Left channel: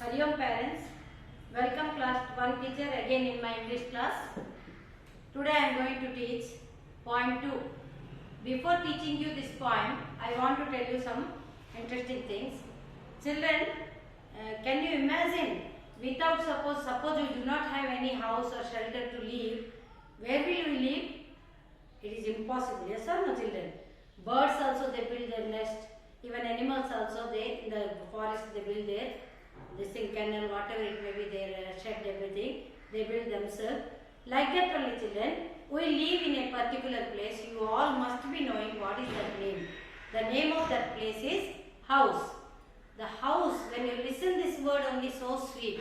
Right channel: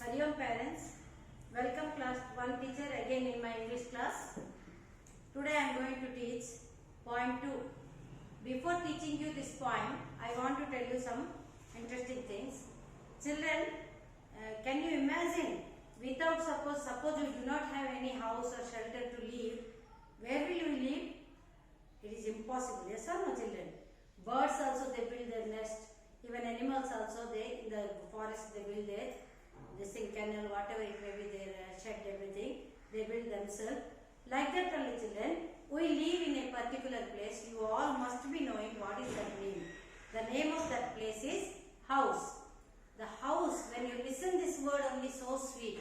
Hariom parents, welcome class 1 teacher again in my English class. Today I am going to teach poem 2. Before teaching you this poem, I want to tell you some interesting things. Children, can you imagine without suppose you do not have any house or shelter to live, where will you live? It is impossible, yes or no children? Birds also they build their nest, even animals also they in the forest they build their this thing, kennel, whatever it may be, their shed, everything, they build themselves. Like that only children, we live in a particular place. You all must be knowing what is that name. The name of that place is house. The house, when you listen this word only so sweet.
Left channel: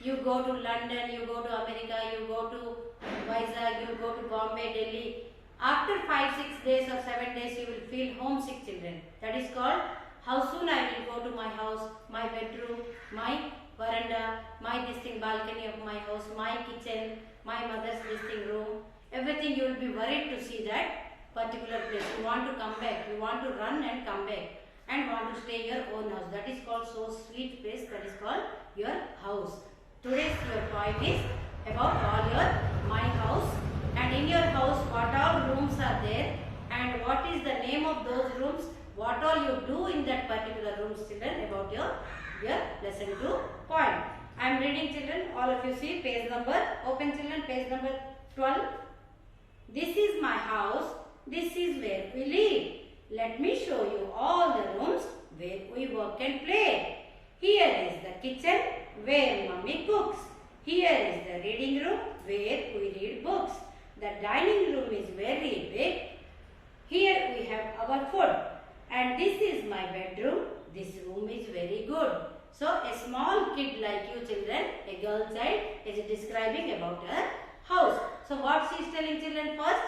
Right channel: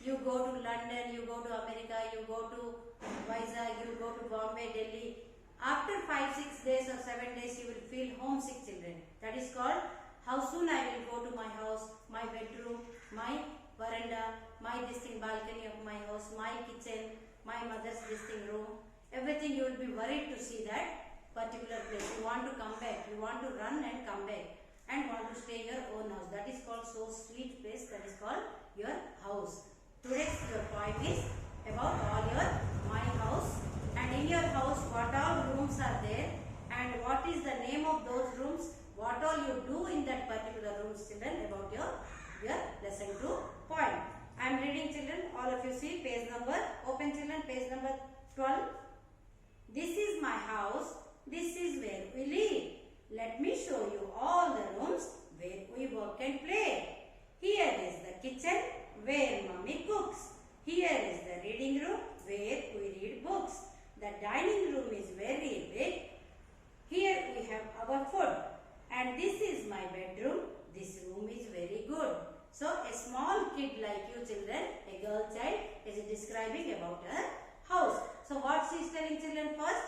You go to London, you go to America, you go to Vizag, you go to Bombay, Delhi. After 5-6 days or 7 days, you will feel homesick children. That is called how soon I will go to my house, my bedroom, my veranda, my balcony of my house, my kitchen, my mother's room. Everything you will be worried to see that particular place. You want to come back, you want to run and come back and want to stay your own house. That is called so sweet place, that is called your house. Today's your poem is about all your my house, and in your house what all rooms are there and what is the name of those rooms, what all you do in that particular rooms children, about your lesson 2 poem. I am reading children, all of you see page number, open children, page number 12. This is my house, this is where we live. Let me show you all the rooms where we work and play. Here is the kitchen where mommy cooks. Here is the reading room where we read books. The dining room is very big. Here we have our food. And this is my bedroom. This room is very good. So a small kid like you children, a girl child, is describing about her house. So what she is telling children first?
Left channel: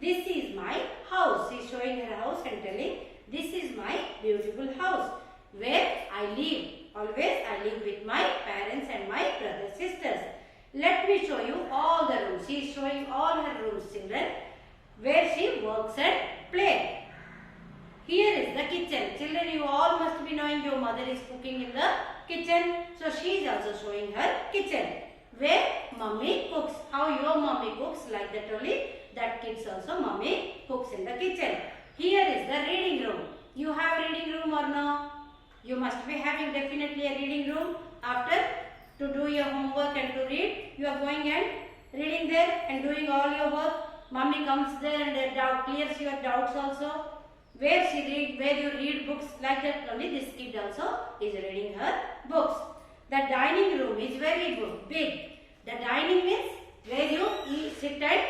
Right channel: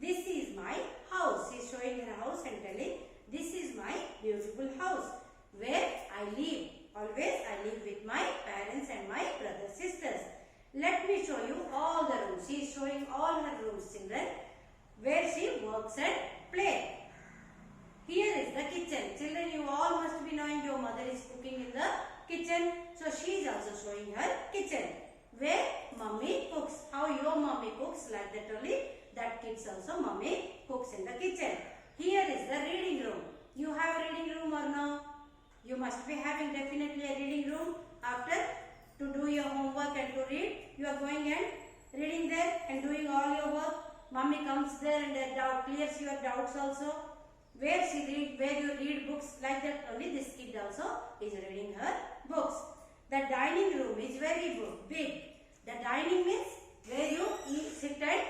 This is my house. She is showing her house and telling, this is my beautiful house where I live. Always I live with my parents and my brothers, sisters. Let me show you all the rooms. She is showing all her rooms children where she works and plays. Here is the kitchen. Children, you all must be knowing your mother is cooking in the kitchen. So she is also showing her kitchen where mommy cooks. How your mommy cooks, like that only that kids also mommy cooks in the kitchen. Here is the reading room. You have reading room or no? You must be having definitely a reading room. After to do your homework and to read, you are going and reading there and doing all your work. Mommy comes there and clears your doubts also. Where you read books, like that only this kid also is reading her books. The dining room is very good, big. The dining means where you sit and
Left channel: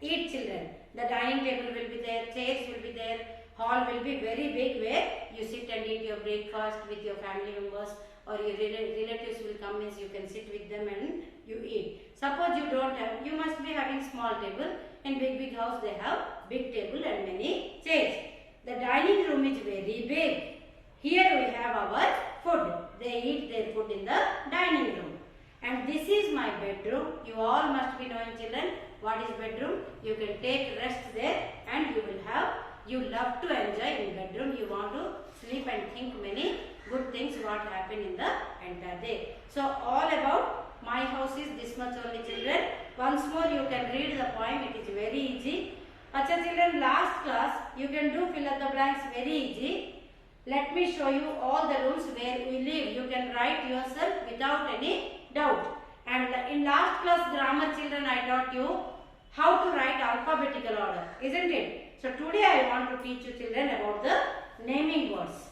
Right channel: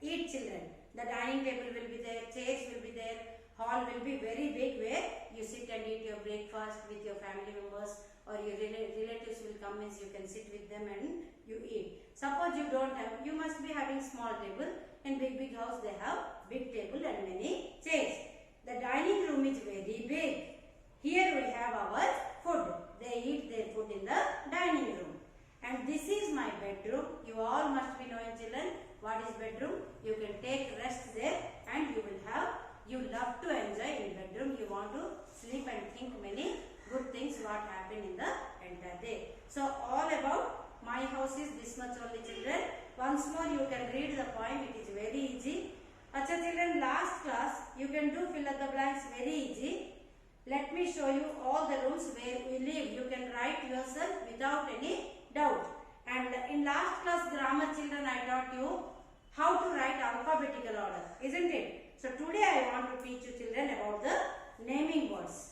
eat children. The dining table will be there, chairs will be there, hall will be very big where you sit and eat your breakfast with your family members, or your relatives will come, means you can sit with them and you eat. Suppose you don't have, you must be having small table. In big house they have big table and many chairs. The dining room is very big. Here we have our food. They eat their food in the dining room. And this is my bedroom. You all must be knowing children what is bedroom. You can take rest there and you love to enjoy in bedroom. You want to sleep and think many good things what happen in the entire day. So all about my house is this much only children. Once more you can read the poem. It is very easy. Acha children, last class you can do fill up the blanks very easy. Let me show you all the rooms where we live. You can write yourself without any doubt. And in last class grammar children, I taught you how to write alphabetical order, isn't it? So today I want to teach you children about the naming words.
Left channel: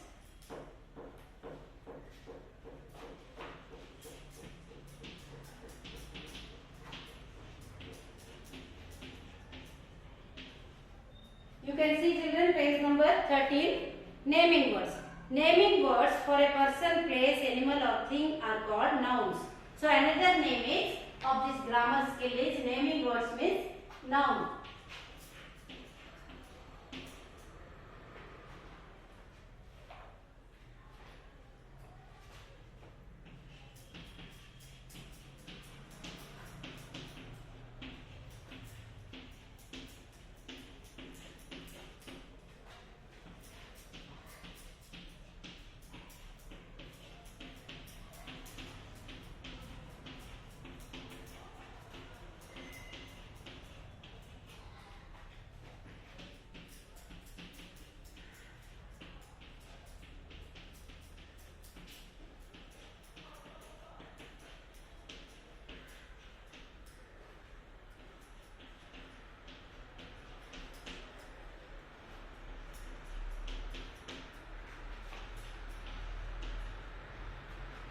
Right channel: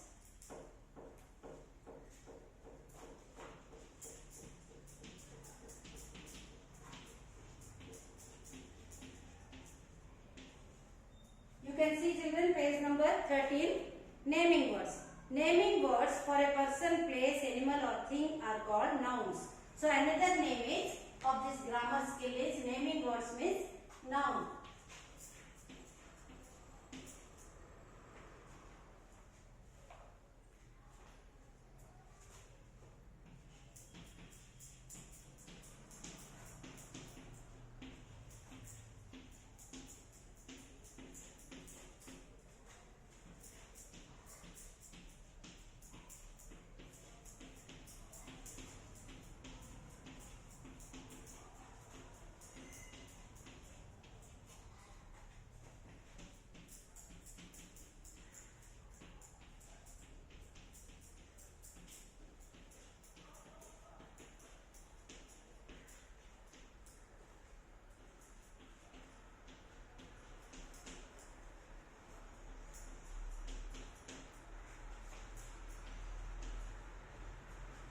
You can see children page number 13, naming words. Naming words for a person, place, animal or thing are called nouns. So another name is of this grammar skill is naming words means noun.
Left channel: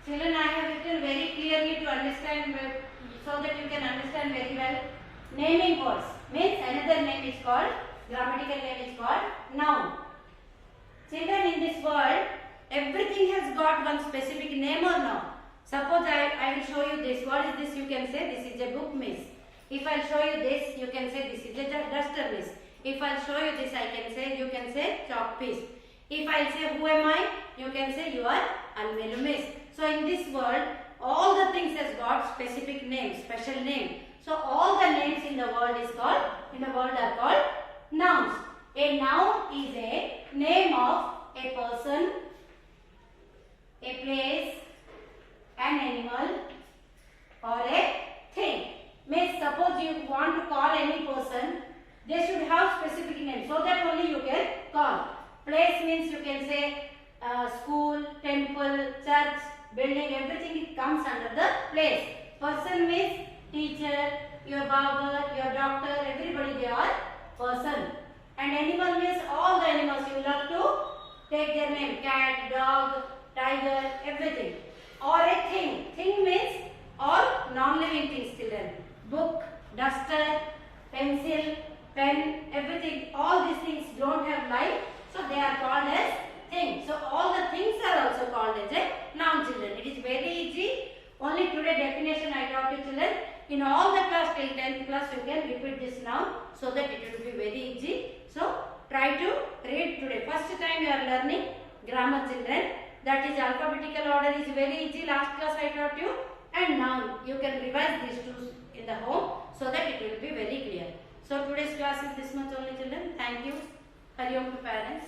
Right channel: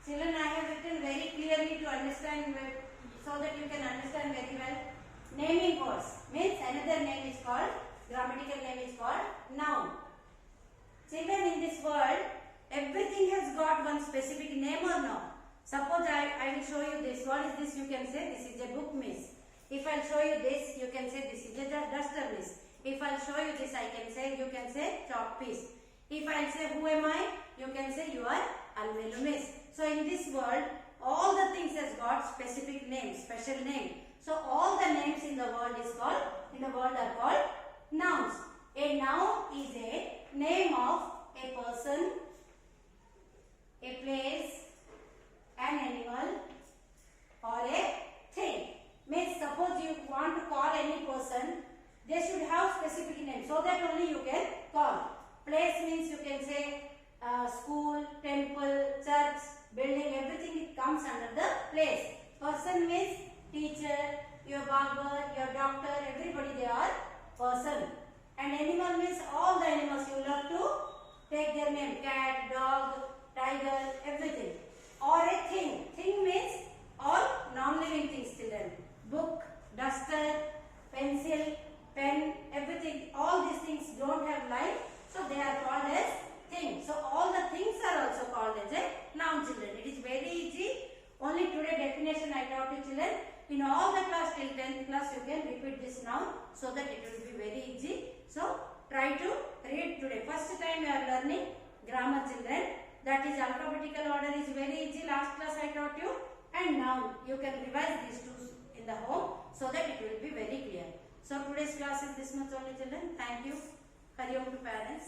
Children, I have written very clearly to understand, so that you can understand very well. Naming words means another name is called, grammatical name is called noun. Children, in this world, everything has got one specific name or no? Suppose I will show you this. What is this? You can say this is a book, miss. If I show you this, you can say this is a duster, miss. If I show you this, you can say chalk piece. If I say who am I, you can say you are Almelu, miss. So in this world, all the things has got specific name, special name. So all the names in the world are called nouns. A noun is a name of a person, a place, an animal, or a thing. Means suppose you want to call any person, they should have specific name, so that only you can call. Place means you can say school, temple, church, building, everything it comes under the place. Person means teacher, your barber, your doctor, everybody they are person. And animal means all the animals you love to take their name, cat, dog, tiger, everything. Or a thing. Thing means all non-living things, children. Book, duster, pencil, pen, everything. All these things don't have life, so they are called as things. So all the things are also called as a noun, children. It is very easy. Only today definition I taught you, children. In all the class till 10th class you can repeat this noun, so that it will be very easy. So try to read today. First time you are learning grammar, children. That is alphabetical order is very easy. Last class I taught you. And now you can revise these two in the home, so that it will be very clear. So today's class is this much only, children. Thank you. Hari Om to parents.